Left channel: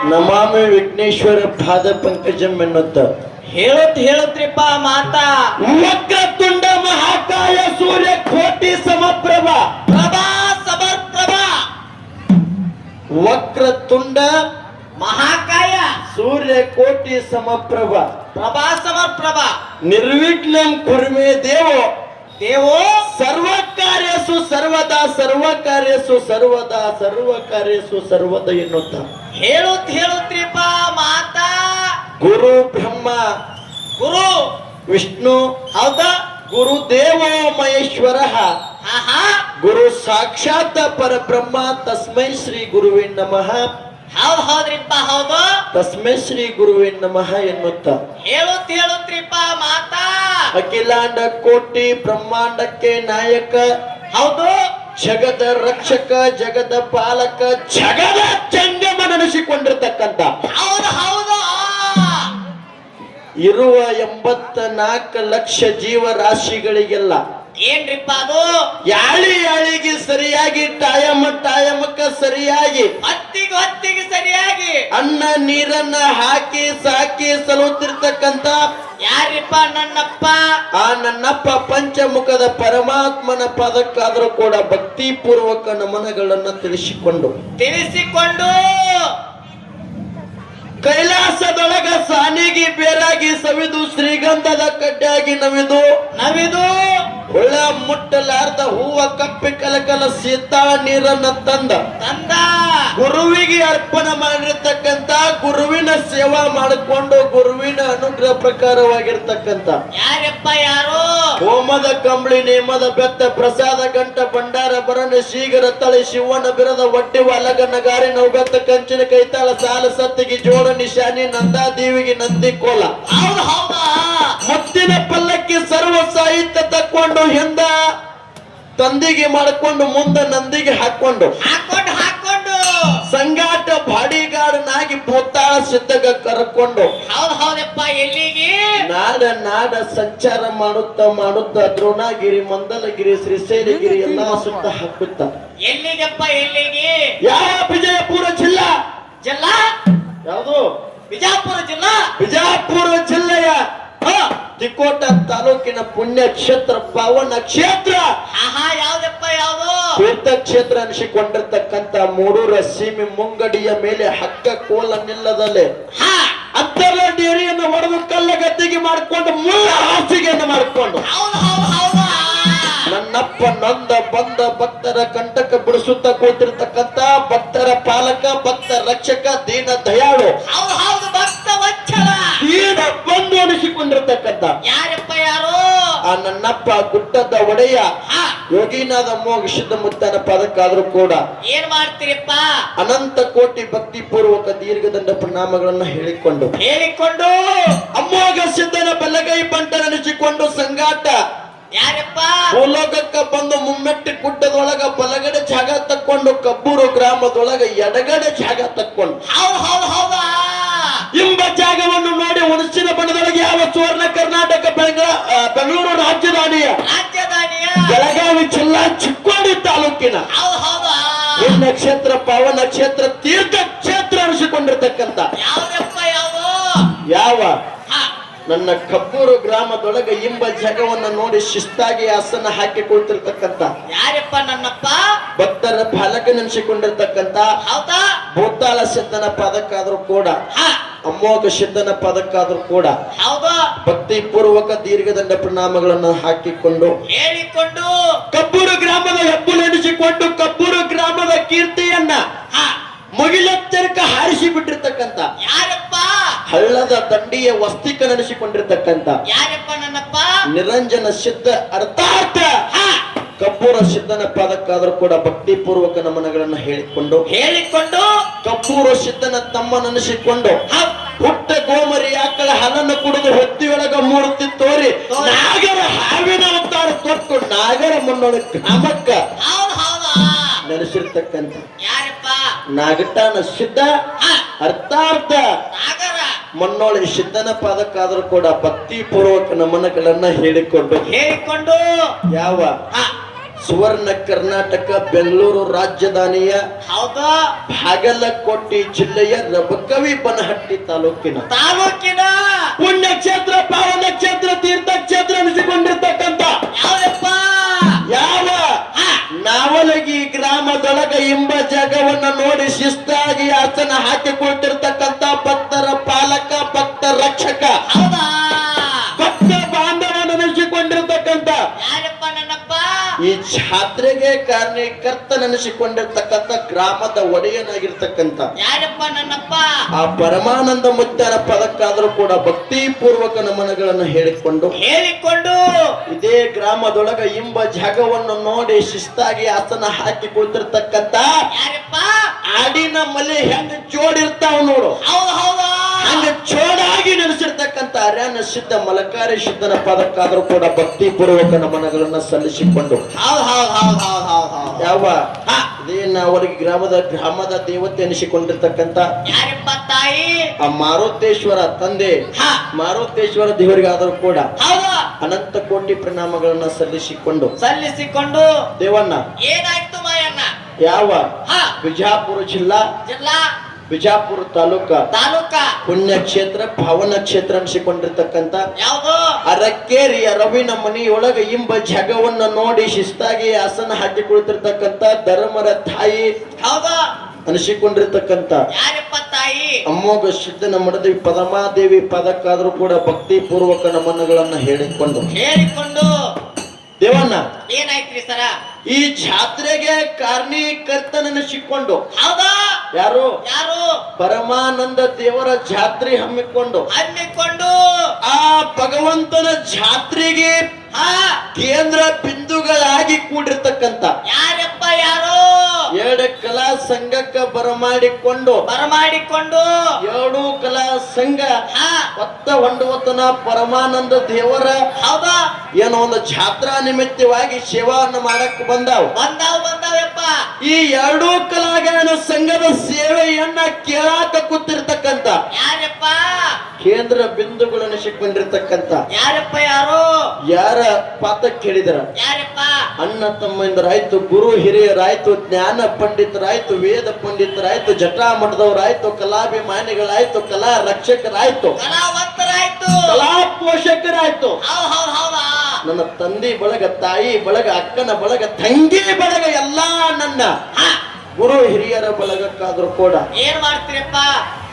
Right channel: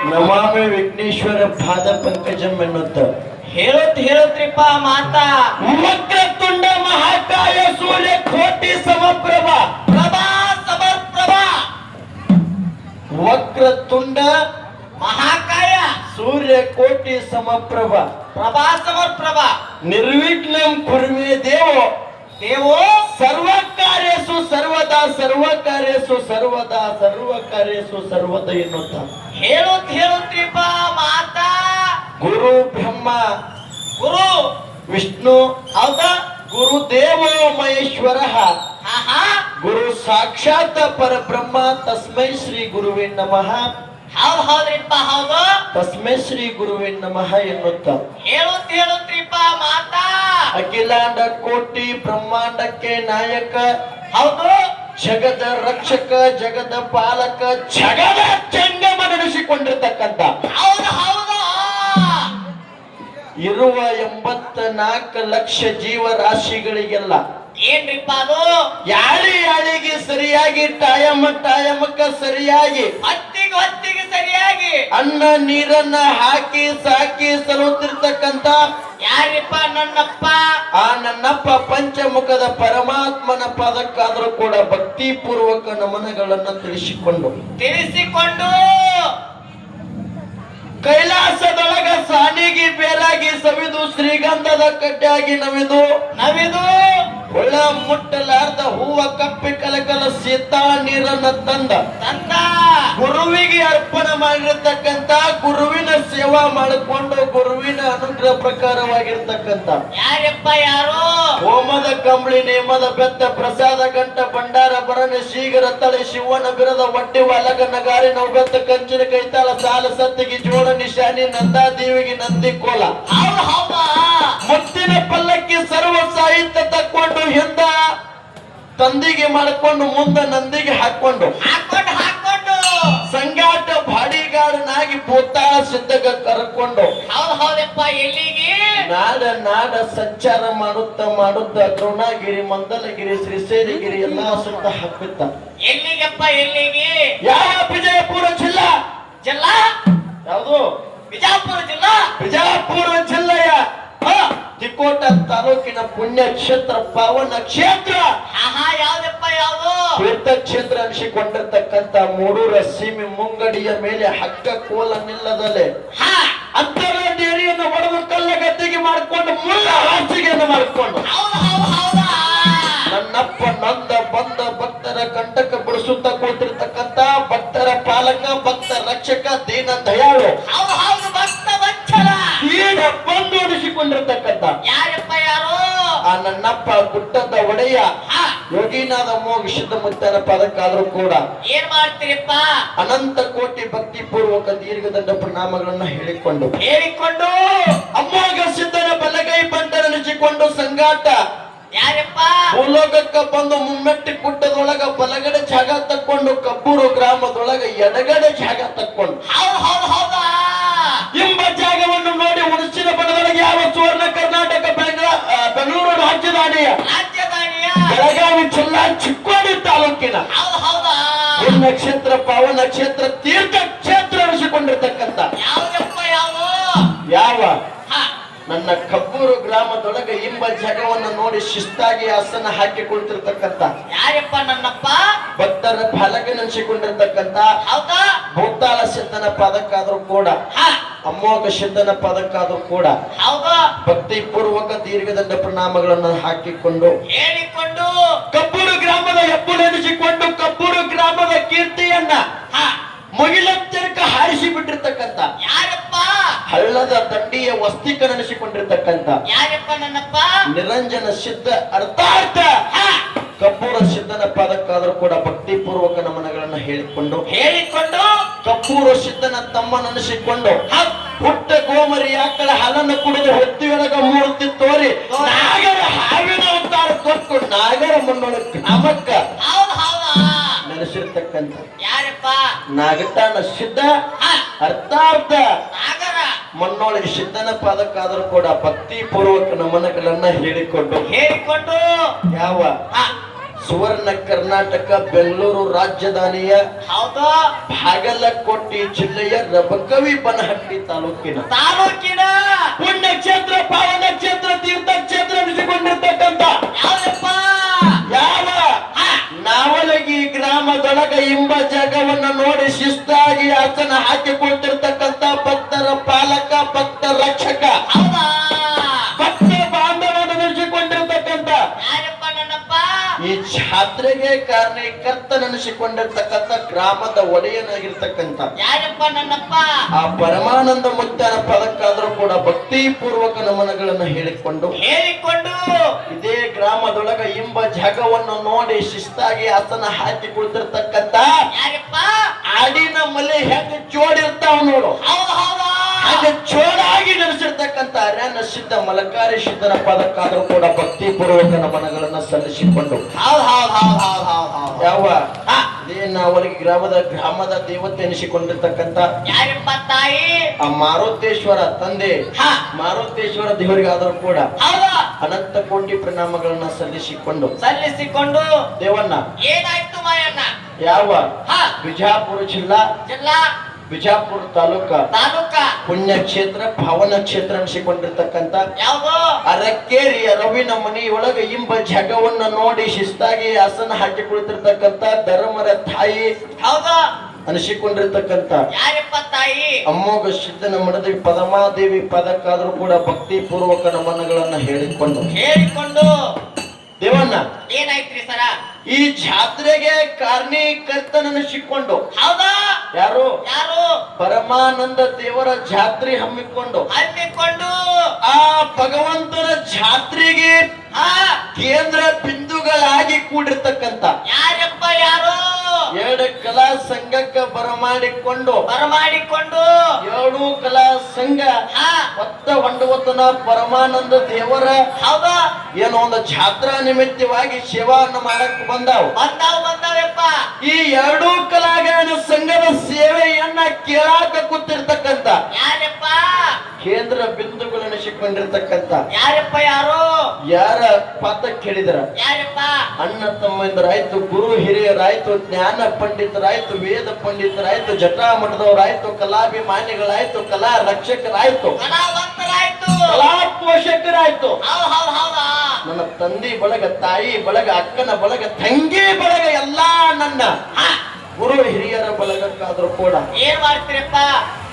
ನಮಾಮಿ ವಿಘ್ನೇಶ್ವರ ಪಾದ ಪಂಕಜಂ ಎನ್ನುತ್ತ ಹೇಳುತ್ರಿಪ್ಪ ಮಾತಾ ವಕ್ರತುಂಡ ಮಹಾಕಾಯ ಸೂರ್ಯ ಕೋಟಿ ಸಮಪ್ರಭ ಪ್ರಭಾ ಸಮಪ್ರಭಾ ವಕ್ರತುಂಡ ಮಹಾಕಾಯ ಸೂರ್ಯ ಕೋಟಿ ಸಮಪ್ರಭ ಪ್ರಭಾ ಸಮಪ್ರಭಾ ನಿರ್ವಿಘ್ನಂ ಕುರ್ಮೇ ದೇವೋ ದೇವೋ ಸರ್ವಕಾರ್ಯಸು ಸರ್ವದಾ ಸರ್ವಕಾರ್ಯಸು ಸರ್ವದಾ ಸರ್ವಕಾರ್ಯಸು ಸರ್ವದ ಎನ್ನುತ್ತ ಹೇಳುತ್ರಿಪ್ಪ ಮಾತಾ ಗುರು ಬ್ರಹ್ಮ ಗುರು ವಿಷ್ಣು ಹೌದಾ ಗುರುದೇವೋ ಮಹೇಶ್ವರ ಆಹಾ ಗುರು ಸಾಕ್ಷಾತ್ ಪರಬ್ರಹ್ಮ ತಸ್ಮೈ ಶ್ರೀ ಗುರುವೇ ನಮಃ ಹೌದ್ರಿಪ್ಪ ಹೌದು ತಸ್ಮೈ ಶ್ರೀ ಗುರುವೇ ನಮಃ ಎನ್ನುತ್ತ ಹೇಳುತ್ರಿಪ್ಪ ಮಾತಾ ಅಖಿಲಾಂಡ ಕೋಟಿ ಬ್ರಹ್ಮಾಂಡಕ್ಕೆ ನಾಯಕ ಹೌದು ಜಗದ ರಕ್ಷಕ ಜಗದ ಪಾಲಕ ಜಗದ ಜಂಗಮನೆನಿಸಿಕೊಂಡಿರ್ತಕ್ಕಂಥ ಹೌದು ಇರುವ 84 ಲಕ್ಷ ಜೀವರಾಶಿಗಳಿಗೆಲ್ಲ ಏನ್ರಿಪ್ಪ ಅದು ಯಾಳಿಗೆ ಸರಿಯಾಗಿ ಟೈಮಕ್ಕ ಸರಿಯಾಗಿ ಹೊತ್ತಿಗೆ ಸರಿಯಾಗಿ ಅನ್ನ ನೀರನ್ನ ಹಾಕಿ ಸಾಕಿ ಸಲುತ್ತಿರ್ತಕ್ಕಂಥ ಯಾರಿಪ್ಪ ನನ್ನಪ್ಪ ಆ ನನ್ನಪ್ಪ ಪಂಚಮುಖದ ಪರಮಾತ್ಮನ ಪದಕ್ಕಾದರೂ ಕೂಡ ಭಕ್ತಿ ಪೂರ್ವಕ ನಮನಗಳನ್ನ ತಿಳಿಸಿಕೊಂಡು ಕೈಲಾಸದೊಳಗ ಸಾನಿಗೆ ಬೇರಾಗಿ ಸವಿದು ಶ್ರೀಗಂಧದ ಕಡ್ಡಿಯಾಗಿ ನವಿದು ಹುಳ ಮುಟ್ಟಲಾರ್ದ ಹೂವ ಕಪ್ಪಿ ಕಲಕಲ ಸೀತಾಳ ನೀರನ್ನ ತಂದ ಗುರುವಿಗೆ ಅರ್ಪಣೆ ಮಾಡಿರ್ತಕ್ಕಂತ ಗುರುವಿನ ಸೇವಾ ಮಾಡಿಕೊಂಡು ಗುರುವಿನ ಅನುಗ್ರಹ ಪ್ರಕಾರವಾಗಿರ್ತಕ್ಕಂತ ಯಾರಪ್ಪ ಯಾರು ಹೋಮದ ಕಂಬಳಿ ನೇಮದ ಬೆತ್ತ ಪ್ರಸಾದ ಗಂಟ ಭಂಡಾರ ಭರಣೆ ಶೀಘರ ತಳಿ ಶಿವನ ಬಿರದ ಒಡ್ಡಿ ಅಲಗ ನಗಾರಿ ನೌಗತ್ತ ಕಂಚಿನ ಕೈತಾಳ ಸಾಲ ಸತ್ತಿಗೆ ಜೋಳ ನಿಶಾನಿ ನಂದಾದೇವಿಗೆ ನಂದಿ ಕೋಲ ಮುತ್ತಿನ ಪಲ್ಲಕ್ಕಿ ಸರ್ವ ಸಾಹಿತ್ಯ ತಕ್ಕೊಂಡು ಹಿಂದ ತಂದಿಗೆ ಮಾಡಿಕೊಂಡು ಮುಂದೆ ನಂದಿಗೆ ಹಾಕೊಂಡು ಸಂಗಾಟ ಬಾಡಿಗಾರನಾಗಿ ಭೂತಾಳ ಸಿದ್ಧಗ ಕರ್ಕೊಂಡು ಹೌದಪ್ಪ ಎಲ್ಲಿಗೆ ನಾಡ ಸಂಚಾರ ಮಾಡುತ್ತ ದ್ರೋಣಗಿರಿ ಮಂದಲಗಿರಿ ಶ್ರೀಶೈಲಗಿರಿ ಎಲ್ಲಾ ಸುತ್ತ ಹಾಕುತ್ತ ಎಲ್ಲಿಗೆಪ್ಪ ಎಲ್ಲಿಗೆ ಯಾವ ವಿಜಯಪುರ ಜಿಲ್ಲಾ ಯಾವುದು ಬಿಜಾಪುರ ಜಿಲ್ಲೆಯ ತಿಕೋಟ ತಾಲೂಕಿನ ಪುಣ್ಯ ಕ್ಷೇತ್ರ ಪಾವನ ಕ್ಷೇತ್ರ ಯಾವ್ದಪ್ಪ ಯಾವುದು ತೀರ್ಥ ಕ್ಷೇತ್ರ ಅನಿಸಿಕೊಂಡಿರ್ತಕ್ಕಂಥ ಮೂಡೂರ ಸೀಮೆ ಮುಂಗಡಿಯ ಮೇಲೆ ಹಗ್ಗ ಕೋಲ ನಿಲ್ಲದಲ್ಲೇ ಅತ್ತರ ಡೇರಿಯನ್ನು ಹೊಡೆದು ಕಲ್ಲ ಗದ್ದಿಗೆ ಮಾಡಿಕೊಂಡು ಮುಳ್ಳ ಹಾಸಿಗೆಯನ್ನು ಮಾಡಿಕೊಂಡು ನನ್ನಪ್ಪ ನೊಂದ ಬಂದ ಭಕ್ತರ ಕಂಟಕ ಬಿಡಿಸುತ್ತ ಕೂತಿರ್ತಕ್ಕಂಥ ಭಕ್ತರ ಪಾಲಕ ಭಕ್ತ ರಕ್ಷಕ ದೀನ ದಯಾಳು ದೀನ ಬಂದು ಅನಿಸಿಕೊಂಡಿರ್ತಕ್ಕಂಥ ಯಾರಪ್ಪ ಯಾರು ಆ ನನ್ನಪ್ಪ ಗುಡ್ಡದ ಒಡೆಯ ಯೋಗಿನಾಥ ಮೋಗ ಸಿದ್ಧ ಮುತ್ತನ ಪದಕ್ಕಾದ್ರೂ ಕೂಡ ಏನ್ ಮಾಡ್ತೀರಪ್ಪ ಅನಂತ ಕೋಟಿ ಭಕ್ತಿ ಪೂರ್ವಕ ದೀರ್ಘದಂಡ ಪ್ರಣಾಮಗಳನ್ನ ಹೇಳಿಕೊಂಡು ಅಮ್ಮೋಗ ಸಿದ್ಧನ ಬಲಗೈ ಬಂಟನೆನಿಸಿಕೊಂಡು ಸಂಗಾಟ ಯಾರಪ್ಪ ಭೂಲೋಕಕ್ಕ ಬಂದು ಮುಮ್ಮೆಟ್ಟಿ ಗುಡ್ಡದೊಳಗ ಬಲಗಡೆ ಜಾಗ ತಕ್ಕೊಂಡು ಕಬ್ಬೂರು ಗ್ರಾಮದೊಳಗ ಎಡಗಡೆ ಜಾಗ ತಕ್ಕೊಂಡು ಎಂಬ ಜಾಗವನ್ನು ನೋಡಿ ಹುಣಸಿನ ಬಣ್ಣದೊಳಗೆ ಯಾವ ಸುವರ್ಣ ಕರ್ನಾಟಕ ಬೆಂಗಳೂರು ರಾಜಧಾನಿಯ ಬೆಳಗಾವಿ ಜಿಲ್ಲಾ ಚಿಕ್ಕೋಡಿ ತಾಲೂಕಿನ ನಕ್ಷತ್ರ ಪಾವನ ಕ್ಷೇತ್ರ ತೀರ್ಥ ಕ್ಷೇತ್ರ ಅನಿಸಿಕೊಂಡಿರ್ತಕ್ಕಂಥ ಯಾವ ನನ್ನ ಕಬ್ಬೂರು ಗ್ರಾಮದೊಳಗೆ ಇಂಬ ಜಾಗವನ್ನು ನೋಡಿ ಶಿಸ್ತಾಗಿ ಆಸನ ಹಾಕಿ ಕೊಡ್ತಿರ್ತಕ್ಕಂಥ ಯಾರಪ್ಪ ನನ್ನಪ್ಪ ಭಕ್ತರ ಫಲಕನೆನಿಸಿಕೊಂಡಿರ್ತಕ್ಕಂಥ ಭೂತಾಳ ಸಿದ್ಧನ ಪದಕ್ಕಾದ್ರೂ ಕೂಡ ಅಮ್ಮೋಗ ಸಿದ್ಧನ ಪದಕ್ಕಾದ್ರೂ ಕೂಡ ಭಕ್ತಿ ಪೂರ್ವಕ ದೀರ್ಘದಂಡ ಪ್ರಣಾಮಗಳನ್ನು ಹಾಕಿಕೊಂಡು ಕಬ್ಬೂರು ಗ್ರಾಮದ ಹೆಬ್ಬುಲೆನಿಸಿಕೊಂಡು ಕಬ್ಬೂರು ಗ್ರಾಮದ ಕೀರ್ತಿಯನ್ನ ಮುಗಿಲೆತ್ತರಕ ಹಾರಿಸಿ ಬಿಟ್ಟಿರ್ತಕ್ಕಂಥ ಯಾರಪ್ಪ ಹಳ್ಳದ ದಂಡಿಯ ವಸ್ತಿಕನೆನಿಸಿಕೊಂಡಿರ್ತಕ್ಕಂಥ ಯಾರಪ್ಪ ನನ್ನಪ್ಪ ನಿರಂಜನ ಸಿದ್ಧ ಅರ್ಥಾರ್ಥ ಕಬ್ಬೂರ ಸಿದ್ಧನ ಪದಕ್ಕಾದ್ರೂ ಕೂಡ ಭಕ್ತಿ ಪೂರ್ವಕ ನಮನಗಳನ್ನು ಹೇಳಿಕೊಂಡು ಕಬ್ಬೂರ ಸಿದ್ಧನ ತಮ್ಮನೆನಿಸಿಕೊಂಡು ಪುಟ್ಟ ಗೋಮರಿ ಆಕಳ ಹಲನ್ನು ಕುಡಿದು ಹೊತ್ತಿಯೊಳಗ ಮೂರ್ತಿ ತೋರಿ ನಾಗರ ಹಾವಿನ ಅವತಾರ ಕೊಟ್ಟು ನಾಗರ ಮುನ್ನೊಳಕ್ಕೆ ನಮಕ್ಕ ನೆನೆಸಿರ್ತಕ್ಕಂಥ ನಾಗಟಾನ ಸಿದ್ಧ ಅರ್ಥಾರ್ಥ ಮಣ್ಣೊಳೆ ಸಿದ್ಧನ ಪಾದಕ್ಕಾದ್ರೂ ಕೂಡ ಭಕ್ತಿ ಪೂರ್ವಕ ನಮನಗಳನ್ನ ಹೇಳಿಕೊಂಡು ಹೇಳಿಕೊಂಡು ಯಾವ ಸುವರ್ಣ ಕರ್ನಾಟಕ ಬೆಂಗಳೂರು ರಾಜಧಾನಿಯ ಹೌದು ಬಾಗಲಕೋಟೆ ಜಿಲ್ಲೆಯ ರಬಕವಿ ಬನಹಟ್ಟಿ ತಾಲೂಕಿನ ತಾಲೂಕಿನ ಪುಣ್ಯಕ್ಷೇತ್ರ ಪಾವನ ಕ್ಷೇತ್ರ ತೀರ್ಥಕ್ಷೇತ್ರ ಅನಿಸಿಕೊಂಡಿರ್ತಕ್ಕಂಥ ಯಾವ್ದಪ್ಪ ಯಾವ ನಾವಲಗಿ ಗ್ರಾಮದೊಳಗ ಎಂಬ ಜಾಗವನ್ನು ನೋಡಿ ಶಿಸ್ತಾಗಿ ಆಸನ ಹಾಕಿಕೊಳ್ತಿರ್ತಕ್ಕಂಥ ಭಕ್ತರ ಪಾಲಕ ಭಕ್ತ ರಕ್ಷಕ ಹೌದಾ ಭಕ್ತ ಬಾಂಧವನ ನೆನೆಸಿಕೊಂಡಿರ್ತಕ್ಕಂಥ ಯಾರಪ್ಪ ನನ್ನಪ್ಪ ಈ ಜಾತ್ರೆಗೆ ಕಾರಣಕರ್ತನೆನಿಸಿಕೊಂಡಿರ್ತಕ್ಕಂಥ ಗ್ರಾಮದ ಒಡೆಯನಾಗಿರ್ತಕ್ಕಂಥ ಯಾರಪ್ಪ ನನ್ನಪ್ಪ ಆ ಪರಮಾನಂದ ಮುತ್ಯನ ಪದಕ್ಕಾದರೂ ಕೂಡ ಭಕ್ತಿ ಪೂರ್ವಕ ನಮನಗಳನ್ನು ಹೇಳಿಕೊಂಡು ಹೇಳಿಕೊಂಡು ಇದೇ ಗ್ರಾಮದೊಳಗ ಎಂಬ ಜಾಗವನ್ನು ನೋಡಿ ಶಿಸ್ತಾಗಿ ಆಸನ ಹಾಕಿ ಕುಳಿತಿರ್ತಕ್ಕಂಥ ಯಾರಪ್ಪ ಆಡಿನ ಮಲೆ ಹೆಂಗ ಜೋಡಿರ್ತಾವ ನೋಡು ಹೌದು ಹೌದಾ ಹಂಗ ಜೋಡಾಗಿ ನೆನೆಸಿರ್ತಕ್ಕಂಥ ಅರ್ಯಾನ ಸಿದ್ಧ ಮಲಕಾರಿ ಸಿದ್ಧನ ಪದಕ್ಕಾದರೂ ಕೂಡ ಭಕ್ತಿ ಪೂರ್ವಕ ನಮನಗಳನ್ನ ಸಲ್ಲಿಸಿಕೊಂಡು ಹೌದು ಹೌದು ಹೌದು ಹೌದು ಹೌದು ಹೌದು ಯಾವ ಇದೇ ನಾವಲಗಿ ಗ್ರಾಮದ ದೇವತೆ ಎನಿಸಿಕೊಂಡಿರ್ತಕ್ಕಂಥ ಯಾರಪ್ಪ ತಾಯಿ ಆ ಮಾರುತೇಶ್ವರ ತಂದೆ ಹಾ ಮಾರುತೇಶ್ವರ ದೇವರಿಗಾದರೂ ಕೂಡ ಹೌದು ಅನಂತ ಕೋಟಿ ಪ್ರಣಾಮಗಳನ್ನ ಸಲ್ಲಿಸಿಕೊಂಡು ಸಲ್ಲಿಸಿಕೊಂಡು ದೇವನ್ನ ಏನಾಯ್ತು ಮಾಯಣ್ಣ ಯಾವ ಹಾ ಬಿಜಾಪುರ ಜಿಲ್ಲಾ ಜಿಲ್ಲಾ ಬಿಜಾಪುರ ತಾಲೂಕ ಪುಣ್ಯಕ್ಷೇತ್ರ ಭಾವನ ಕ್ಷೇತ್ರ ಅನಿಸಿಕೊಂಡಿರ್ತಕ್ಕಂಥ ಯಾವುದು ಅರಕೇರಿಯ ರವಿನ ಮನೆಯೊಳಗ ಎಂಬ ಜಾಗವನ್ನ ನೋಡಿ ಶಿಸ್ತಾಗಿ ಆಸನ ಹಾಕಿ ಕುಳಿತಿರ್ತಕ್ಕಂಥ ಧರ್ಮರ ತಾಯಿ ಹೌದು ಅನಿಸಿಕೊಂಡಿರ್ತಕ್ಕಂಥ ಯಾರಪ್ಪ ತಾಯಿ ಅಮ್ಮೋಘ ಸಿದ್ಧನ ಮಡದಿ ಪರಮಾದೇವಿ ಪದಕ್ಕಾದ್ರೂ ಕೂಡ ಭಕ್ತಿ ಪೂರ್ವಕ ನಮನಗಳನ್ನ ಹೇಳಿಕೊಂಡು ಹೇಳಿಕೊಂಡು ದೇವನ್ನ ಏನಾಯ್ತ್ರಿ ಸರ ಈ ಜಾತ್ರೆಗೆ ಕಾರಣೀಕರ್ತನೆನಿಸಿಕೊಂಡು ಹೌದಾ ಯಾರು ಯಾರು ಪರಮಾನಂದ ದೇವರ ಜಾತ್ರೆ ಹಮ್ಮಿಕೊಂಡು ಹಮ್ಮಿಕೊಂಡು ಆ ಭಗವಂತನ ಜಾತ್ರೆಗೆ ಹಾ ಕೇಂದ್ರ ಬಿಂದುಗಳಾಗಿ ಕೂಡಿರ್ತಕ್ಕಂಥ ಯಾರಪ್ಪ ಯಾರು ಎರಡು ಕಲಾ ಸಂಘಕ್ಕೆ ಬರಮಾಡಿಕೊಂಡು ಎರಡು ಕಲಾ ಸಂಘ ಹಾ ಹೊಂದುವತನ ಪರಮಾನಂದ ದೇವರ ಹೌದಾ ಏನೋ ಒಂದು ಜಾತ್ರಾ ನಿಮಿತ್ತವಾಗಿ ಸೇವಾವನ್ನು ಮಾಡಕ್ ಬಂದಾವಪ್ಪ ಈ ಎರಡೂ ಕಲಾಗಾಯನ ಸಂಘದ ಸೇವೆಯನ್ನ ಕೇಳಾಕ ಕೂತಿರ್ತಕ್ಕಂಥ ಯಾರಪ್ಪ ಕೇಂದ್ರ ಬಿಂದುಗಳೆನಿಸಿಕೊಂಡಿರ್ತಕ್ಕಂಥ ಯಾರಪ್ಪ ಯಾರು ಯಾರ ಪಾತ ಕೇಳಿದ್ರ ಯಾರಪ್ಪ ಅಣ್ಣ ತಮ್ಮಂದರಾಯ್ತು ಗುರು ಹಿರಿಯರಾಯ್ತು ಜ್ಞಾನ ಪಂಡಿತರಾಯ್ತು ವೇದ ಪಂಡಿತರಾಯ್ತು ಜಟಾ ಮಠದವರಾಯ್ತು ಕಲಾಭಿಮಾನಿಗಳಾಯ್ತು ಕಲಾ ರಕ್ಷಕರಾಯ್ತು ಕಲಾವಂತರಾಯ್ತು ಕಲಾ ಪೋಷಕರಾಯ್ತು ಹೌದಾ ನನ್ನ ತಂದೆ ಬಳಗ ತಾಯಿ ಬಳಗ ಅಕ್ಕನ ಬಳಗ ತಂಗಿ ಬಳಗ ಎಲ್ಲಾ ನನ್ನ ಗುರು ಹಿರಿಯರ ಬಳಗಕ್ಕಾದ್ರೂ ಕೂಡ ಏನ್ ಮಾಡ್ತೀರಪ್ಪ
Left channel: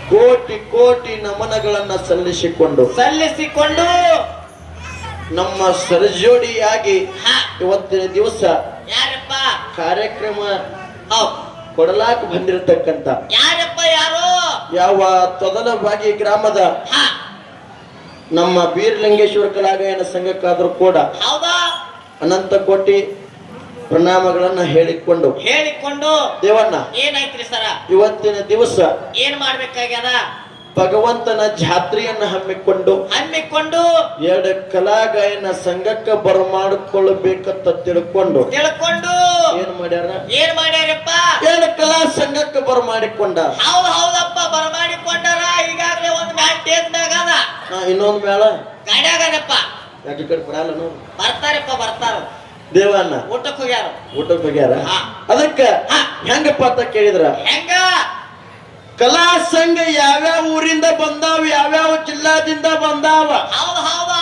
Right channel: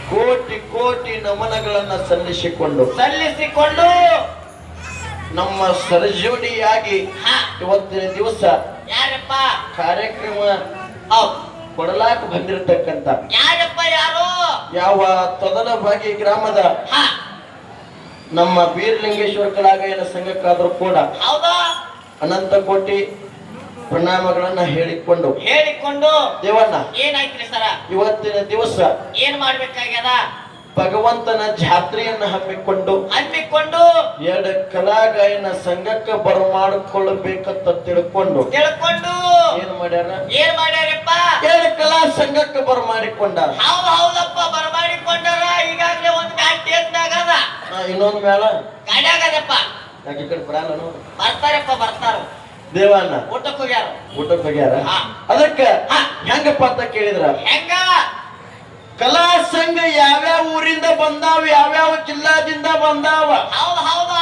ಕೋಟಿ ಕೋಟಿ ನಮನಗಳನ್ನ ಸಲ್ಲಿಸಿಕೊಂಡು ನಮ್ಮ ಸರಜೋಡಿಯಾಗಿ ಇವತ್ತಿನ ದಿವಸ ಯಾರಪ್ಪ ಕಾರ್ಯಕ್ರಮ ಕೊಡಲಾಕ ಬಂದಿರತಕ್ಕಂತ ಯಾರಪ್ಪ ಯಾರು ಯಾವ ತೊದಲಬಾಗಿ ಗ್ರಾಮದ ನಮ್ಮ ಬೀರಲಿಂಗೇಶ್ವರ ಕಲಾಗಾಯನ ಸಂಘಕ್ಕಾದ್ರೂ ಕೂಡ ಹೌದಾ ಅನಂತ ಕೋಟಿ ಪ್ರಣಾಮಗಳನ್ನ ಹೇಳಿಕೊಂಡು ದೇವನ್ನ ಏನಾಯ್ತ್ರಿ ಸರ ಇವತ್ತಿನ ದಿವಸ ಏನ್ ಮಾಡ್ಬೇಕಾಗ್ಯದ ಭಗವಂತನ ಜಾತ್ರೆಯನ್ನು ಹಮ್ಮಿಕೊಂಡು ಎರಡು ಕಲಾಗಾಯನ ಸಂಘಕ್ಕೆ ಬರಮಾಡಿಕೊಳ್ಳಬೇಕಂತ ತಿಳ್ಕೊಂಡು ಏನ್ ಮಾಡ್ಯಾರಪ್ಪ ಎರಡು ಕಲಾ ಸಂಘಕ್ಕೆ ಬರಮಾಡಿಕೊಂಡ ಹೌದಪ್ಪ ಬರಮಾಡಿಕೊಂಡಾರ ಈಗಾಗಲೇ ಒಂದು ಮ್ಯಾಚ್ ಟೇಸ್ಟ್ನಾಗದ ಇನ್ನೊಂದು ಮೇಳ ಗಾಡ್ಯಾಗದಪ್ಪ ಬರ್ತಾರ ದೇವನ್ನ ಊಟಕ್ಕೆ ಹೋಗ್ಯಾರ ಅದಕ್ಕ ಹೆಂಗಪ್ಪ ಅಂತ ಕೇಳಿದ್ರ ಹೆಂಗ ಕಲಾ ಸಂಘ ಯಾವ್ಯಾವ ಊರಿಂದ ಬಂದಾವ ಯಾವ್ಯಾವ ಜಿಲ್ಲಾದಿಂದ ಬಂದಾವ ಹೌದಾ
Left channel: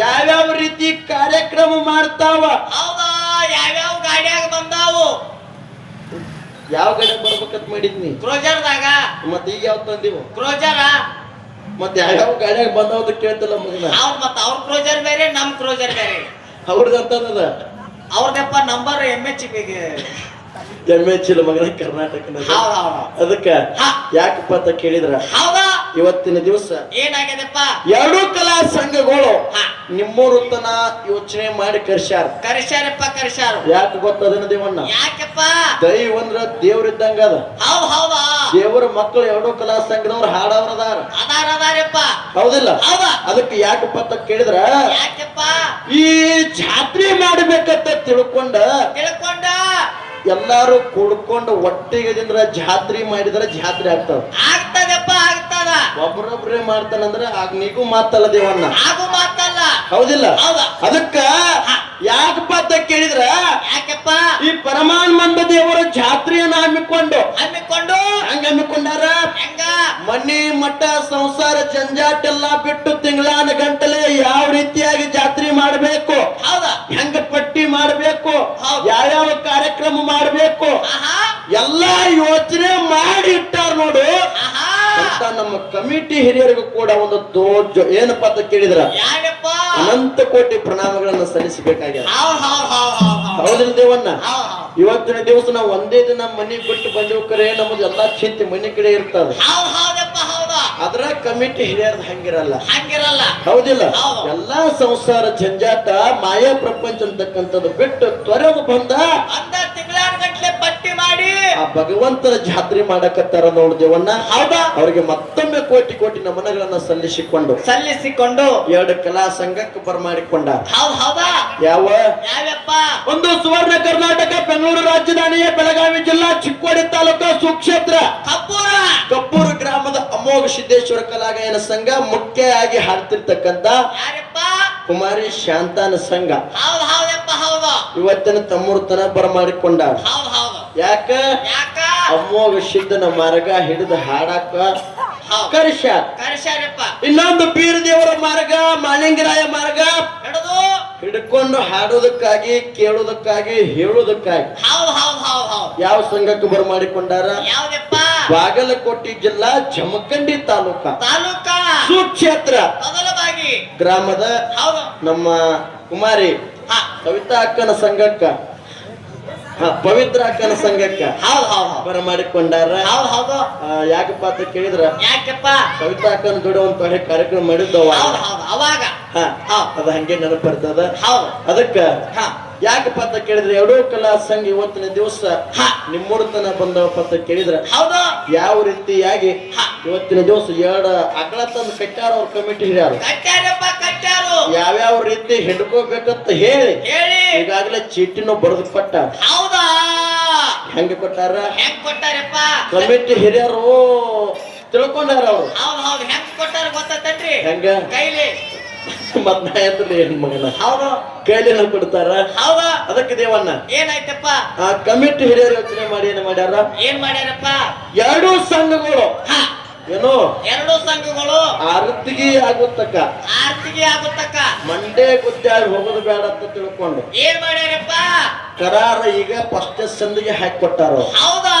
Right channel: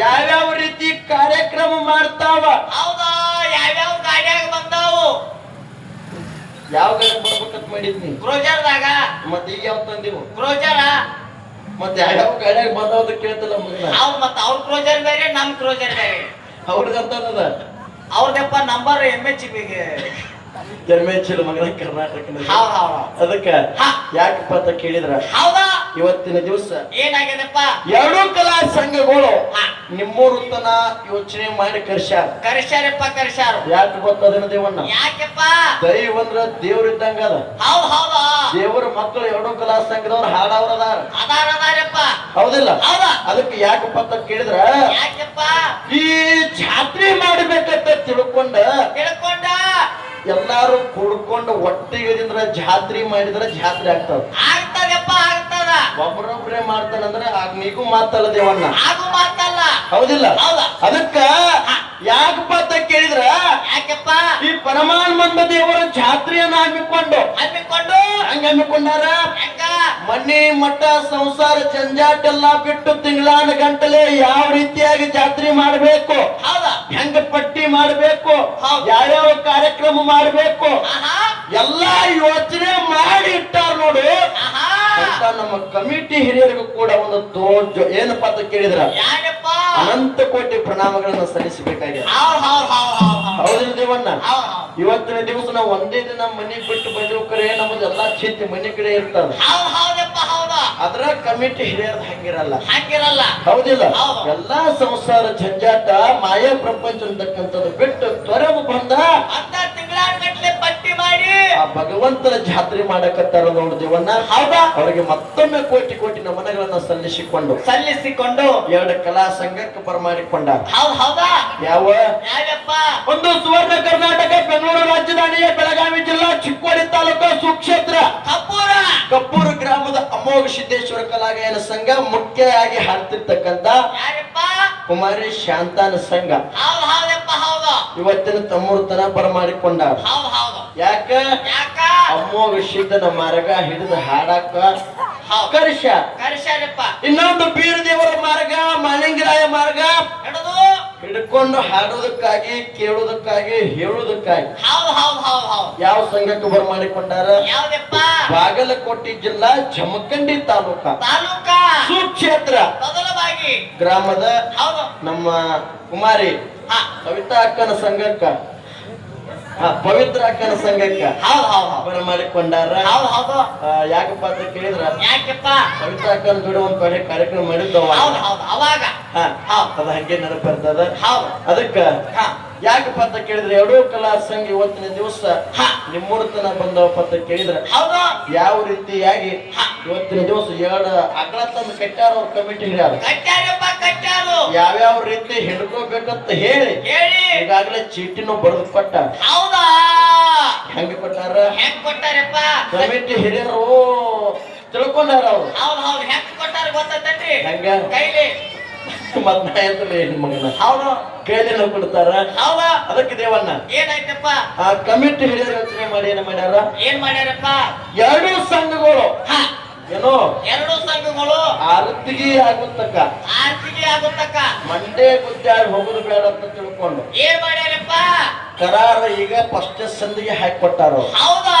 ಯಾವ್ಯಾವ ರೀತಿ ಕಾರ್ಯಕ್ರಮ ಮಾಡ್ತಾವ ಹೌದಾ ಯಾವ್ಯಾವ ಗಾಡಿಯಾಗ ಬಂದಾವು ಯಾವ ಗಾಡಿ ಬರ್ಬೇಕಂತ ಮಾಡಿದ್ನಿ ಕ್ರೋಜರ್ದಾಗ ಮತ್ತೆ ಈಗ ಯಾವ ತಂದಿವು ಕ್ರೋಜರ ಮತ್ತೆ ಯಾವ್ಯಾವ ಗಾಡಿಯಾಗ ಬಂದಾವ ಕೇಳ್ತಲ್ಲ ಮಗನ ಮತ್ತ ಅವ್ರ ಕ್ರೋಜರ್ ಬೇರೆ ನಮ್ ಕ್ರೋಜರ್ ಬೇರೆ ಅವ್ರದಂತದ ಅವ್ರದಪ್ಪ ನಂಬರ್ MH ಇಲ್ಲ ಮಗನ ಕರ್ನಾಟಕದ ಅದಕ್ಕ ಯಾಕಪ್ಪ ಅಂತ ಕೇಳಿದ್ರ ಇವತ್ತಿನ ದಿವಸ ಏನಾಗ್ಯದಪ್ಪ ಎರಡೂ ಕಲಾ ಸಂಘಗಳು ನಿಮ್ಮೂರು ತನ ಯೋಚನೆ ಮಾಡಿ ಕರ್ಸ್ಯಾರಪ್ಪ ಯಾಕೆ ಗೊತ್ತದೇನ ದೇವಣ್ಣ ಯಾಕಪ್ಪ ದೈವ ಅಂದ್ರ ದೇವ್ರಿದ್ದಂಗ ಅದ ಹೌದಾ ದೇವರ ಮಕ್ಕಳು ಎರಡೂ ಕಲಾ ಸಂಘದವ್ರು ಹಾಡವ್ರದಾರ ಅದಾರಪ್ಪ ಹೌದಿಲ್ಲ ಅದಕ್ಕೆ ಯಾಕಪ್ಪ ಅಂತ ಕೇಳಿದ್ರ ಯಾಕಪ್ಪ ಈ ಜಾತ್ರೆ ಮಾಡ್ಬೇಕಂತ ತಿಳ್ಕೊಂಡ ಎಲ್ಲಾರು ಕೂಡ್ಕೊಂಡು ಒಟ್ಟಿಗೆದಿಂದ ಜಾತ್ರೆ ಮಾಡಿದ್ರೆ ಜಾತ್ರೆ ಆಗ್ತದಪ್ಪ ಒಬ್ಬರೊಬ್ಬರೇ ಮಾಡ್ತಾನಂದ್ರೆ ಆಗ ನೀಗೂ ಮಾತಲ್ಲ ದೇವಣ್ಣ ಮಾತಲ್ಲ ಹೌದಿಲ್ಲ ಅದಕ್ಕ ಯಾಕಪ್ಪ ಅಂತ ಕೇಳಿದ್ರ ಯಾಕೆಪ್ಪ ಈ ಪರಮಾನಂದ ದೇವರ ಜಾತ್ರೆಯನ್ನ ಹಮ್ಮಿಕೊಂಡು ಹಮ್ಮಿಕೊಂಡು ಹಂಗ ಹಮ್ಮಿಕೊಂಡಾರ ಹೆಂಗ ಮನೆ ಮಠ ಸಂಸಾರ ಜಂಜಾಟ ಎಲ್ಲಾ ಬಿಟ್ಟು ತಿಂಗಳಾನ ಗಂಟಲೆ ಯಾವ ರೀತಿಯಾಗಿ ಜಾತ್ರೆ ಮಾಡಬೇಕು, ಹೌದಾ ಹೆಂಗ ಪಟ್ಟಿ ಮಾಡಬೇಕು, ಹೌದು. ಯಾವ್ಯಾವ ಕಾರ್ಯಕ್ರಮ ಮಾಡಬೇಕು ಆಹಾ ಎಲ್ಲಾ ಯೋಚನೆ ಮಾಡಿ ಇಟ್ಟಾರ ನೋಡು. ಆಹಾ ಅಂತ ನಮ್ಮ ಕಮಿಟಿ ಹಿರಿಯರಿಗೂ ಕೂಡ ಒಂದು ದೊಡ್ಡ ಏನಪ್ಪ ಅಂತ ಕೇಳಿದ್ರ ಯಾರಪ್ಪ ಅನಂತ ಕೋಟಿ ಪ್ರಣಾಮಗಳನ್ನು ಸಲ್ಲಿಸಬೇಕಾಗ್ಯದ. ಹೌದ್ ಹೌದ್ ಹೌದ್ ಹೌದ್ ಹೌದ್ ಹೌದಿಲ್ಲ ದೇವಣ್ಣ? ಹೌದ್ ಹೌದ್ ಇವತ್ತಿನ ದಿವಸ ನಾವು ಒಂದೇ ದಿನ ಮನೆ ಬಿಟ್ಟು ಬಂದವು ಕರೆ ನಮ್ಮದು ಎಲ್ಲಾ ಚಿಂತೆ ಮನೆ ಕಡೆ ಇರ್ತದ. ಹೌದ್ ಹೌದಪ್ಪ ಹೌದಾ ಅದ್ರ ಕಮಿಟಿ ಹಿರಿಯರ್ದ ಹಂಗಿರಲ್ಲ. ಹಂಗಿರಲ್ಲ. ಹೌದಿಲ್ಲ? ಹೌದು. ಎಲ್ಲಾ ಸಂಸಾರ ಜಂಜಾಟ ಮಾಯಾ ಪ್ರಪಂಚ ಅಂತಕ್ಕಂಥದ್ದು ಬಿಟ್ಟು ತ್ವರೆಗೂ ಬಂದ ಅಂತ ತಿಂಗಳಾನ ಗಟ್ಲೆ ಪಟ್ಟಿ ಮಾಡಿ ಆ ಭಗವಂತನ ಜಾತ್ರೆ ಮಾಡಕತ್ತಾರ ನೋಡ್ದೇವಣ್ಣ. ಹೌದಾ ಅವರಿಗೆ ಮತ್ತೊಮ್ಮೆ ಕೋಟಿ ಕೋಟಿ ನಮನಗಳನ್ನ ಸಲ್ಲಿಸಿಕೊಂಡು ಸಲ್ಲಿಸಿಕೊಂಡು 2 ಕಲಾ ಸಂಘಕ್ಕೆ ಬರಮಾಡಿಕೊಂಡ. ಹೌದ್ ಹೌದಾ ಯಾವ ಯಾವಪ್ಪ ಒಂದು ಸುವರ್ಣ ಕರ್ನಾಟಕ ಬೆಂಗಳೂರು ರಾಜಧಾನಿಯ ಬೆಳಗಾವಿ ಜಿಲ್ಲಾ ಚಿಕ್ಕೋಡಿ ತಾಲೂಕು ಸುಕ್ಷೇತ್ರ ಕಪೂರ ಕಪ್ಪೂರು ಗ್ರಾಮದ ಅಮೋಘ ಸಿದ್ದೇಶ್ವರ ಕಲಾಗಾಯನ ಸಂಘ ಮುಖ್ಯವಾಗಿ ಹಾಡ್ತಿರ್ತಕ್ಕಂಥ ಯಾರಪ್ಪ ಕುಮಾರಿ ಶಾಂತಾನ ಸಂಘ ಹೌದ್ ಹೌದಪ್ಪ ಹೌದು ಇವತ್ತಿನ ತಮ್ಮೂರ್ತನ ಬರಮಾಡಿಕೊಂಡ. ಹೌದ್ ಹೌದು ಯಾಕ ಯಾಕ ಅಮೋಘ ಸಿದ್ಧನ ಮಾರ್ಗ ಹಿಡಿದು ಹಾಡಾಕ ಹೌದ್ ಕರ್ಷ. ಕರ್ಸ್ಯಾರಪ್ಪ ಇನ್ನೊಂದು ಬೀರ ದೇವರ ಮಾರ್ಗ ಮಾಲಿಂಗರಾಯ ಮಾರ್ಗ ಹಿಡಿದು ಹಿಡ್ಕೊಂಡು ಹಾಡೋದಕ್ಕಾಗಿ ಕೇಳೋದಕ್ಕಾಗಿ ಹೇಳೋದಕ್ಕಾಗಿ ಹೌದ್ ಹೌದ್ ಹೌದ್ ಹೌದ್ ಯಾವ ಸಂಘಕ್ಕೆ ಬರಮಾಡಿಕೊಂಡಾರ? ಯಾವ್ದಪ್ಪ ಬಾಗಲಕೋಟೆ ಜಿಲ್ಲಾ ಜಮಖಂಡಿ ತಾಲೂಕ ತಾಲೂಕ ಸುಕ್ಷೇತ್ರ ಮೊದಲವಾಗಿ ಗ್ರಾಮದ ಹೌದು ನಮ್ಮ ಕುಮಾರಿ ಹಾ ಕವಿತಾ ಅಕ್ಕನ ಸಂಘಕ್ಕ ಪವಿತ್ರ ಅಕ್ಕನ ಸಂಘಕ್ಕ ಹೌದ್ ಹೌದ್ ಹೌದ್ ಬರಮಾಡಿಕೊಂಡಾರ. ಹೌದ್ ಹೌದು ಯಾಕಪ್ಪ ಅಂತ ಕೇಳಿದ್ರ ಯಾಕಪ್ಪ ಕವಿತಾ ಅಕ್ಕನ ಜೋಡಿ ಒಂದ್ ಕಡೆ ಕಾರ್ಯಕ್ರಮ ಮಾಡಿದ್ದವ. ಹೌದ್ ಹೌದ್ ಅವಾಗ ಅದ ಹಂಗೆ ನೆನಪು ಬರ್ತದ. ಹೌದು ಅದಕ್ಕ ಹಾ ಯಾಕಪ್ಪ ಅಂತ ಕೇಳಿದ್ರೆ 2 ಕಲಾ ಸಂಘ ಇವತ್ತಿನ ದಿವಸ ಹಾ ನಿಮ್ಮೂರ್ತನ ಬಂದವಪ್ಪ ಅಂತ ಕೇಳಿದ್ರ ಹೌದು ಯಾವ ರೀತಿಯಾಗಿ ಹಾ ಇವತ್ತಿನ ದಿವಸ 2 ಅಗಳ ತಂದು ಕಟ್ಟಾರ ಅವ್ರ ಕಮಿಟಿ ಹಿರಿಯಾರು ಕಟ್ಟಾರಪ್ಪ ಕಟ್ಟಾರು ಯಾವ್ಯಾವ ರೀತಿ ಹಿಡ್ಕೋಬೇಕಂತ ಹೇಳಿ ಹೇಳಿ ಈಗಾಗಲೇ ಚೀಟಿನೂ ಬರೆದು ಕೊಟ್ಟ. ಹೌದಾ ಹೆಂಗೆ ಕೊಟ್ಟಾರ? ಹೆಂಗ್ ಕೊಟ್ಟಾರಪ್ಪ ಕಮಿಟಿ ಹಿರಿಯರು ತಿಳ್ಕೊಂಡಾರ ಅವ್ರು. ಹೌದ್ ಹೌದ್ ಹೆಂಗ್ ಕೊಟ್ಟಾರ ಗೊತ್ತೈತ್ರಿ ಹೆಂಗ ಕೈಲಿ ಮತ್ ನಾ ಎದ್ರಲ್ಲಿ ಹೆಣ್ ಮಗನ ಹೌದು ಕೈಲಿನ ಕೊಡ್ತಾರ. ಹೌದಾ ಅದಕ್ಕೆ ದೇವಣ್ಣ ಏನಾಯ್ತಪ್ಪ ಆ ಕಮಿಟಿ ಹಿರಿಯರು ಯೋಚನೆ ಮಾಡಿ ಏನ್ ಮಾಡ್ಯಾರ? ಏನ್ ಮಾಡ್ಯಾರಪ್ಪ? 2 ಸಂಘಗಳು ಹಾ ಏನೋ 2 ಸಂಘಗಳು ಆರತಿಗೆ ಆಗುತ್ತಕ್ಕ ಆರ್ತಿಗೆ ಆಗುತ್ತಕ್ಕ ಮಂಡೆ ಗುದ್ದಾಡಿ ಹೋಗುದು ಬೇಡ ಅಂತ ತಿಳ್ಕೊಂಡು ಏನ್ ಮಾಡ್ಯಾರಪ್ಪ? ಕರಾರ ಈಗ ಫಸ್ಟ್ ಸಂದಿಗೆ ಹಾಕಿ ಕೊಟ್ಟಾರ ಅವ್ರು. ಹೌದಾ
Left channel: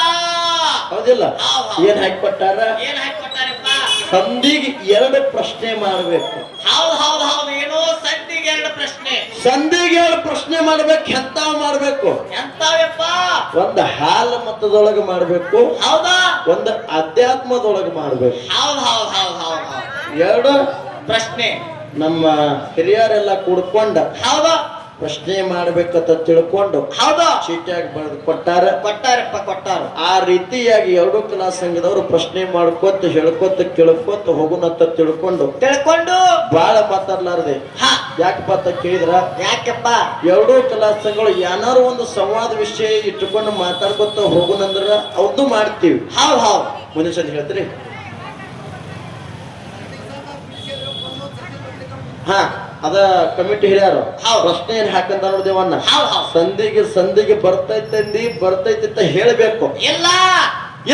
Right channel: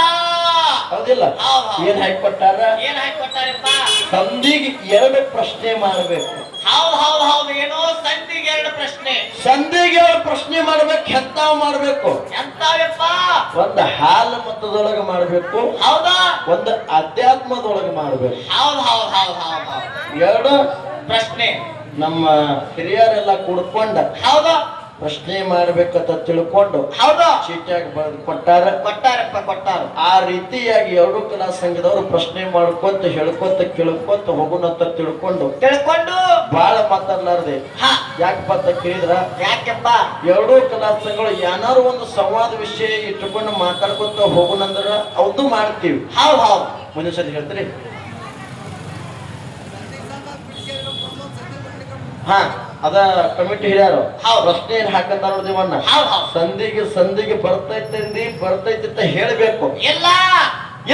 ಹೌದಿಲ್ಲ? ಹೌದ್ ಹೌದ್. ಏನ್ ಹಾಕಿ ಕೊಟ್ಟಾರ? ಏನ್ ಹಾಕಿ ಕೊಟ್ಟಾರಪ್ಪ? ಸಂದಿಗೆ 2 ಪ್ರಶ್ನೆ ಮಾಡ್ಬೇಕು. ಹೌದ್ ಹೌದ್ ಹೌದ್ ಏನೋ ಸಂಧಿಗೆ 2 ಪ್ರಶ್ನೆ. ಸಂದಿಗೆ 2 ಪ್ರಶ್ನೆ ಮಾಡ್ಬೇಕು. ಎಂತಾವ್ ಮಾಡ್ಬೇಕು? ಎಂತಾವಪ್ಪ? ಒಂದು ಹಾಲ ಮತದೊಳಗ ಮಾಡ್ಬೇಕು, ಹೌದಾ ಒಂದು ಅಧ್ಯಾತ್ಮದೊಳಗ ಮಾಡ್ಬೇಕು. ಹೌದ್ ಹೌದ್ ಹೌದ್ ಹೌದ್ ಹೌದ್ 2 ಪ್ರಶ್ನೆ ನಮ್ಮ ಹಿರಿಯರೆಲ್ಲ ಕೂಡ್ಕೊಂಡ ಹೌದಾ ಪ್ರಶ್ನೆ ಮಾಡ್ಬೇಕಂತ ತಿಳ್ಕೊಂಡು ಹೌದಾ ಚೀಟಿಯಾಗಿ ಬರೆದು ಕೊಟ್ಟಾರ. ಕೊಟ್ಟಾರಪ್ಪ ಕೊಟ್ಟಾರು. ಆ ರೀತಿಯಾಗಿ 2 ಕಲಾ ಸಂಘದವರು ಪ್ರಶ್ನೆ ಮಾಡ್ಕೋತ ಹೇಳ್ಕೋತ ಕೇಳ್ಕೋತ ಹೋಗುನಂತ ತಿಳ್ಕೊಂಡು ತಿಳ್ಕೊಂಡು ಬಾಳ ಮಾತಾಡ್ಲಾರ್ದೆ ಹಾ ಯಾಕಪ್ಪ ಅಂತ ಕೇಳಿದ್ರ ಯಾಕೆಪ್ಪ? 2 ಕಲಾ ಸಂಘಗಳು ಏನಾರು ಒಂದು ಸಂವಾದ ವಿಷಯ ಇಟ್ಟುಕೊಂಡು ಮಾತಾಡ್ಕೊತ ಹೋಗುನಂದ್ರ ಅವ್ದು ಮಾಡ್ತೀವಿ. ಹೌದ್ ಹೌದ್ ಒಂದ್ ನಿಮಿಷ ಹೇಳ್ತೀರಿ? ಹಾ ಅದ ಕಮಿಟಿ ಹಿರಿಯರು ಹೌದು. ಪ್ರಶ್ನೆ ಏನ್ ಹಾಕಂತ ನೋಡ್ದೇವಣ್ಣ ಹೌದ್ ಹೌದ್ ಸಂದಿಗೆ ಬರ್ತೈತೆ ಅಂತ ಹೇಳ್ಬೇಕು. ಇಲ್ಲ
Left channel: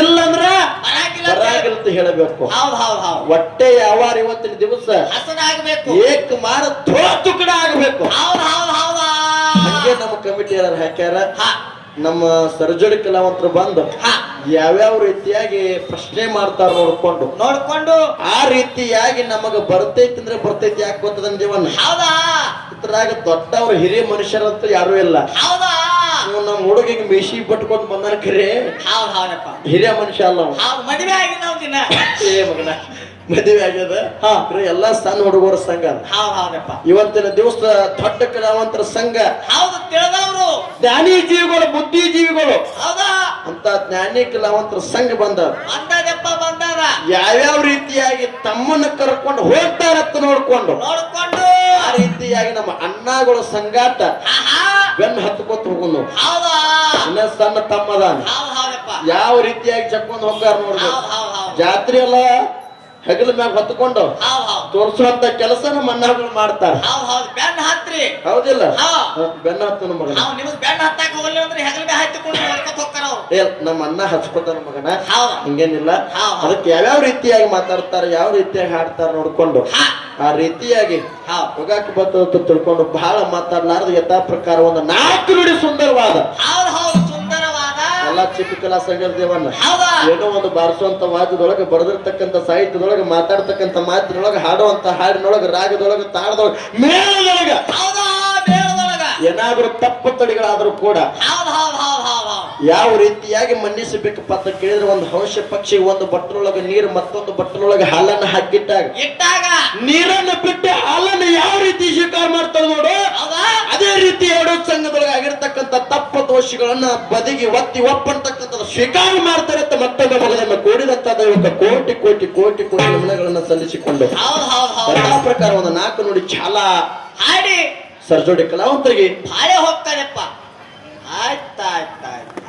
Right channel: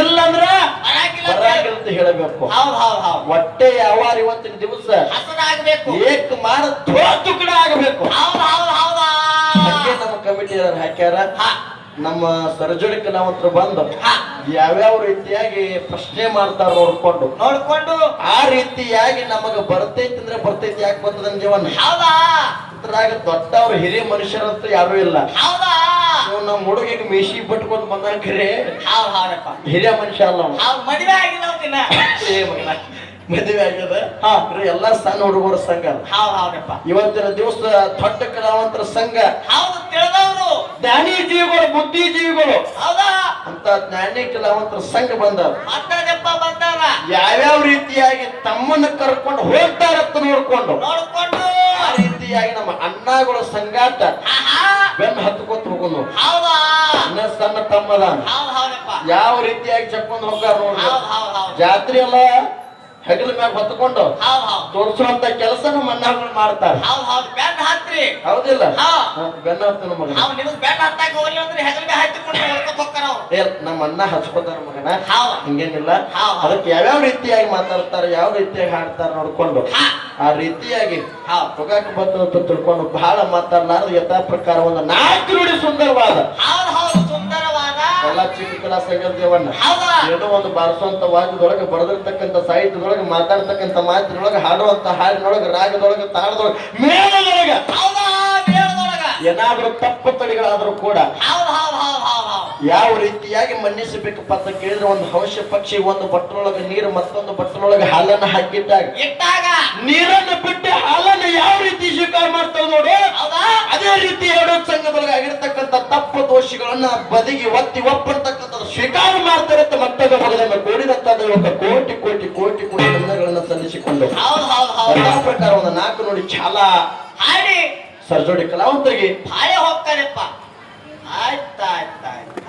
ಇಲ್ಲಂದ್ರ ಬರಾಕಿಲ್ಲ ಬರಾಗಿಲ್ಲ ಅಂತ ಹೇಳಬೇಕು. ಹೌದ್ ಹೌದ್ ಹೌದ್ ಹೊಟ್ಟೆ ಯಾವಾರ ಇವತ್ತಿನ ದಿವಸ ಹಸನಾಗ್ಬೇಕು. ಏಕ್ ಮಾಡ ತುಕಡ ಆಗಬೇಕು. ಹೌದ್ ಹೌದ್ ಹೌದಾ ಹಂಗೆ ನಮ್ಮ ಕಮಿಟಿ ಹಾಕ್ಯಾರ. ಹಾ ನಮ್ಮ ಸರ್ಜರಿ ಕಲಾವಂತರು ಬಂದು ಹಾ ಯಾವ್ಯಾವ ರೀತಿಯಾಗಿ ಪ್ರಶ್ನೆ ಮಾಡ್ತಾರ ನೋಡ್ಕೊಂಡು ನೋಡ್ಕೊಂಡು ಆ ರೀತಿಯಾಗಿ ನಮಗ ಬರ್ತೈತಿ ಅಂದ್ರೆ ಬರ್ತೈತಿ ಯಾಕೆ ಬರ್ತದ ಜೀವನ ಹೌದಾ ಇದ್ರಾಗ ದೊಡ್ಡವ್ರು ಹಿರಿಯ ಮನುಷ್ಯರಂತೂ ಯಾರು ಇಲ್ಲ. ಹೌದಾ ಇವ್ನು ನಮ್ಮ ಹುಡುಗಿಗೆ ಮೀಸಿ ಪಟ್ಕೊಂಡು ಬಂದನ ಖರೆ ಹೌದ್ ಹೌದಪ್ಪ ಹಿರಿಯ ಮನುಷ್ಯ ಅಲ್ಲ ಅವ್ನು. ಹೌದ್ ಮದುವೆ ಆಗಿಲ್ಲ ಅವ್ನ ಏ ಮಗನ ಮದುವೆ ಆಗ್ಯದ. ಎಲ್ಲ ಸಣ್ಣ ಹುಡುಗರ ಸಂಘ ಅದ. ಹೌದ್ ಹೌದಪ್ಪ ಇವತ್ತಿನ ದಿವಸ ದೊಡ್ಡ ಕಲಾವಂತರ ಸಂಘ ಹೌದು ತಿಳಿದವ್ರು ಜ್ಞಾನಿ ಜೀವಿಗಳು ಬುದ್ಧಿ ಜೀವಿಗಳು ಹೌದಾ ಅಂತ ಜ್ಞಾನಿ ಕಲಾವಂತರ ಸಂಘ ಬಂದ ಬಂದದಪ್ಪ ಬಂದಾರ ಯಾವ್ಯಾವ ರೀತಿಯಾಗಿ ತಮ್ಮನ್ನ ಕರ್ಕೊಂಡು ಹೋಗ್ತಾರತ್ತ ನೋಡ್ಕೊಂಡು ನೋಡ್ಕೊಂಡು ಆ ರೀತಿಯಾಗಿ ನಮ್ಮ ಅಣ್ಣಗಳ ಸಂಗಾಟ ಆಹಾ ಬೆನ್ನು ಹತ್ಕೊತ ಹೋಗುನು. ಹೌದಾ ಇನ್ನ ಸಣ್ಣ ತಮ್ಮದ ಹೌದ್ ಹೌದಪ್ಪ ಯಾವ ರೀತಿಯಾಗಿ ಚಕ್ಕೊಂಡ್ ಹೋಗಾರ ನೋಡ್ರಿ. ಹೌದ್ ಹೌದ್ ಹೌದ್ ಜಾತ್ರೆ ಅಲ್ಲ ಹೆಗಲ ಮ್ಯಾಗ ಹೊತ್ತುಕೊಂಡು ಹೌದ್ ಹೌದ್ ತೋರಿಸುವಂತ ಕೆಲಸನ ಮಣ್ಣಾಗಳು ಮಾಡ್ತಾರ. ಹೌದ್ ಬೆನ್ನ ಹತ್ರಿ ಹೌದಿಲ್ಲ? ಹಾ. ಬೆನ್ನ ಹತ್ತನ ಮಗನ. ನಾವ್ ನಿಮಗ್ ಬೆನ್ನ ಹತ್ತಾಕ ಹೋಗ್ಲಿ ಅಂದ್ರೆ ಹೆಗಲ್ ಮ್ಯಾಗ ಹತ್ತಿಕೊಂಡು ಹೊಡ್ಕೊತ ಹೋಗ್ತಾರ ಅವ್ರು. ಏ ನಮ್ಮ ಅಣ್ಣ ಹಚ್ಕೋತಾರ ಮಗನ. ಹೌದ್ ಹಿಂಗೇನಿಲ್ಲ. ಹೌದ್. ಅದಕ್ಕೆ ಯಾವ್ಯಾವ ರೀತಿಯಾಗಿ ಮಾತಾಡ್ತಾರೆ, ಯಾವ ರೀತಿಯಾಗಿ ಹಾಡ್ತಾರ ನೋಡ್ಕೊಂಡು ಹಾ. ಆ ರೀತಿಯಾಗಿ ಹೌದ್ ಹೋಗಾಕ ಬರ್ತದಂತ ತಿಳ್ಕೊಂಡು ಬಹಳ ಮಾತಾಡ್ಲಾರ್ದ ಯಥಾ ಪ್ರಕಾರ ಒಂದು 4 ನುಡಿ ಸುಂದರವಾದ ಹೌದ್ ಹೌದ್ ಸುಂದರವಾದ ಎಲ್ಲ ಚಿಕ್ಕ ಕಲಾ ಸಂಗರ ದೇವನ್ನ ಹೌದಾ ಏನೋ ಒಂದು ಬಾರಿಸುವಂತ ವಾದ್ಯದೊಳಗೆ ಬರೆದಿರ್ತಕ್ಕಂಥ ಸಾಹಿತ್ಯದೊಳಗೆ ಮಾತಾಡ್ತಕ್ಕಂಥ ಮಾತಿನೊಳಗೆ ಹಾಡುವಂತ ಹಾಡಿನೊಳಗೆ ರಾಗದೊಳಗೆ ತಾಳದೊಳಗೆ ಮೇಳದೊಳಗೆ ಹೌದಾ ಮೇಳದೊಳಗ ಏನಾದ್ರೂ ತಪ್ಪು ತಡಿಗಳಾದ್ರೂ ಕೂಡ ಹೌದ್ ಹೌದ್ ಹೌದ್ ಹೌದ್ ಹೌದ್ ಯಾವ ರೀತಿಯಾಗಿ ಮನ್ನಿಸಬೇಕಪ್ಪ ಅಂತ ಕೇಳಿದ್ರೆ ಒಂದು ಹಂಸ ಪಕ್ಷಿ ಒಂದು ಬಟ್ಟನೊಳಗೆ ನೀರು ಮತ್ತೊಂದು ಬಟ್ಟನೊಳಗೆ ಹಾಲನ್ನ ಹಾಕಿಟ್ಟಾಗ ಇಟ್ಟಾಗ ನೀರನ್ನು ಬಿಟ್ಟು ಹಾಲನ್ನು ಯಾವ ರೀತಿ ಸ್ವೀಕಾರ ಮಾಡ್ತಾರೆ ನೋಡು, ಹೌದಾ ಅದೇ ರೀತಿ ಎರಡು ಸಂಘದೊಳಗೆ ಆಗಿರ್ತಕ್ಕಂಥ ತಪ್ಪು ದೋಷಗಳನ್ನ ಬದಿಗೆ ಒತ್ತಿ ಒಪ್ಪಂತಕ್ಕಂಥದ್ದು ಸ್ವೀಕಾರ ಮಾಡ್ತಾರೆ ಅಂತ ಮತ್ತೊಂದು ಮಗನನ್ನು ಕೂಡಿದಂತ ದೈವಕ್ಕೆ ಕೋಟಿ ಕೋಟಿ ಕೋಟಿ ಕೋಟಿ ನಮನಗಳನ್ನು ಸಲ್ಲಿಸಿಕೊಂಡು ಹೌದ್ ಹೌದ್ ಹೌದ್ ಎಲ್ಲಾ ಪ್ರಕಾರ ಒಂದು 4 ನುಡಿ ಚಾಲ ಹಾಡಿ ಸರ್ಜೋಡಿ ಕಲಾವಂತರಿಗೆ ಬಾಳೆ ಹೋಗ್ತಾನೆಪ್ಪ. ಆಯ್ತಾಯ್ತಾಯ್ತು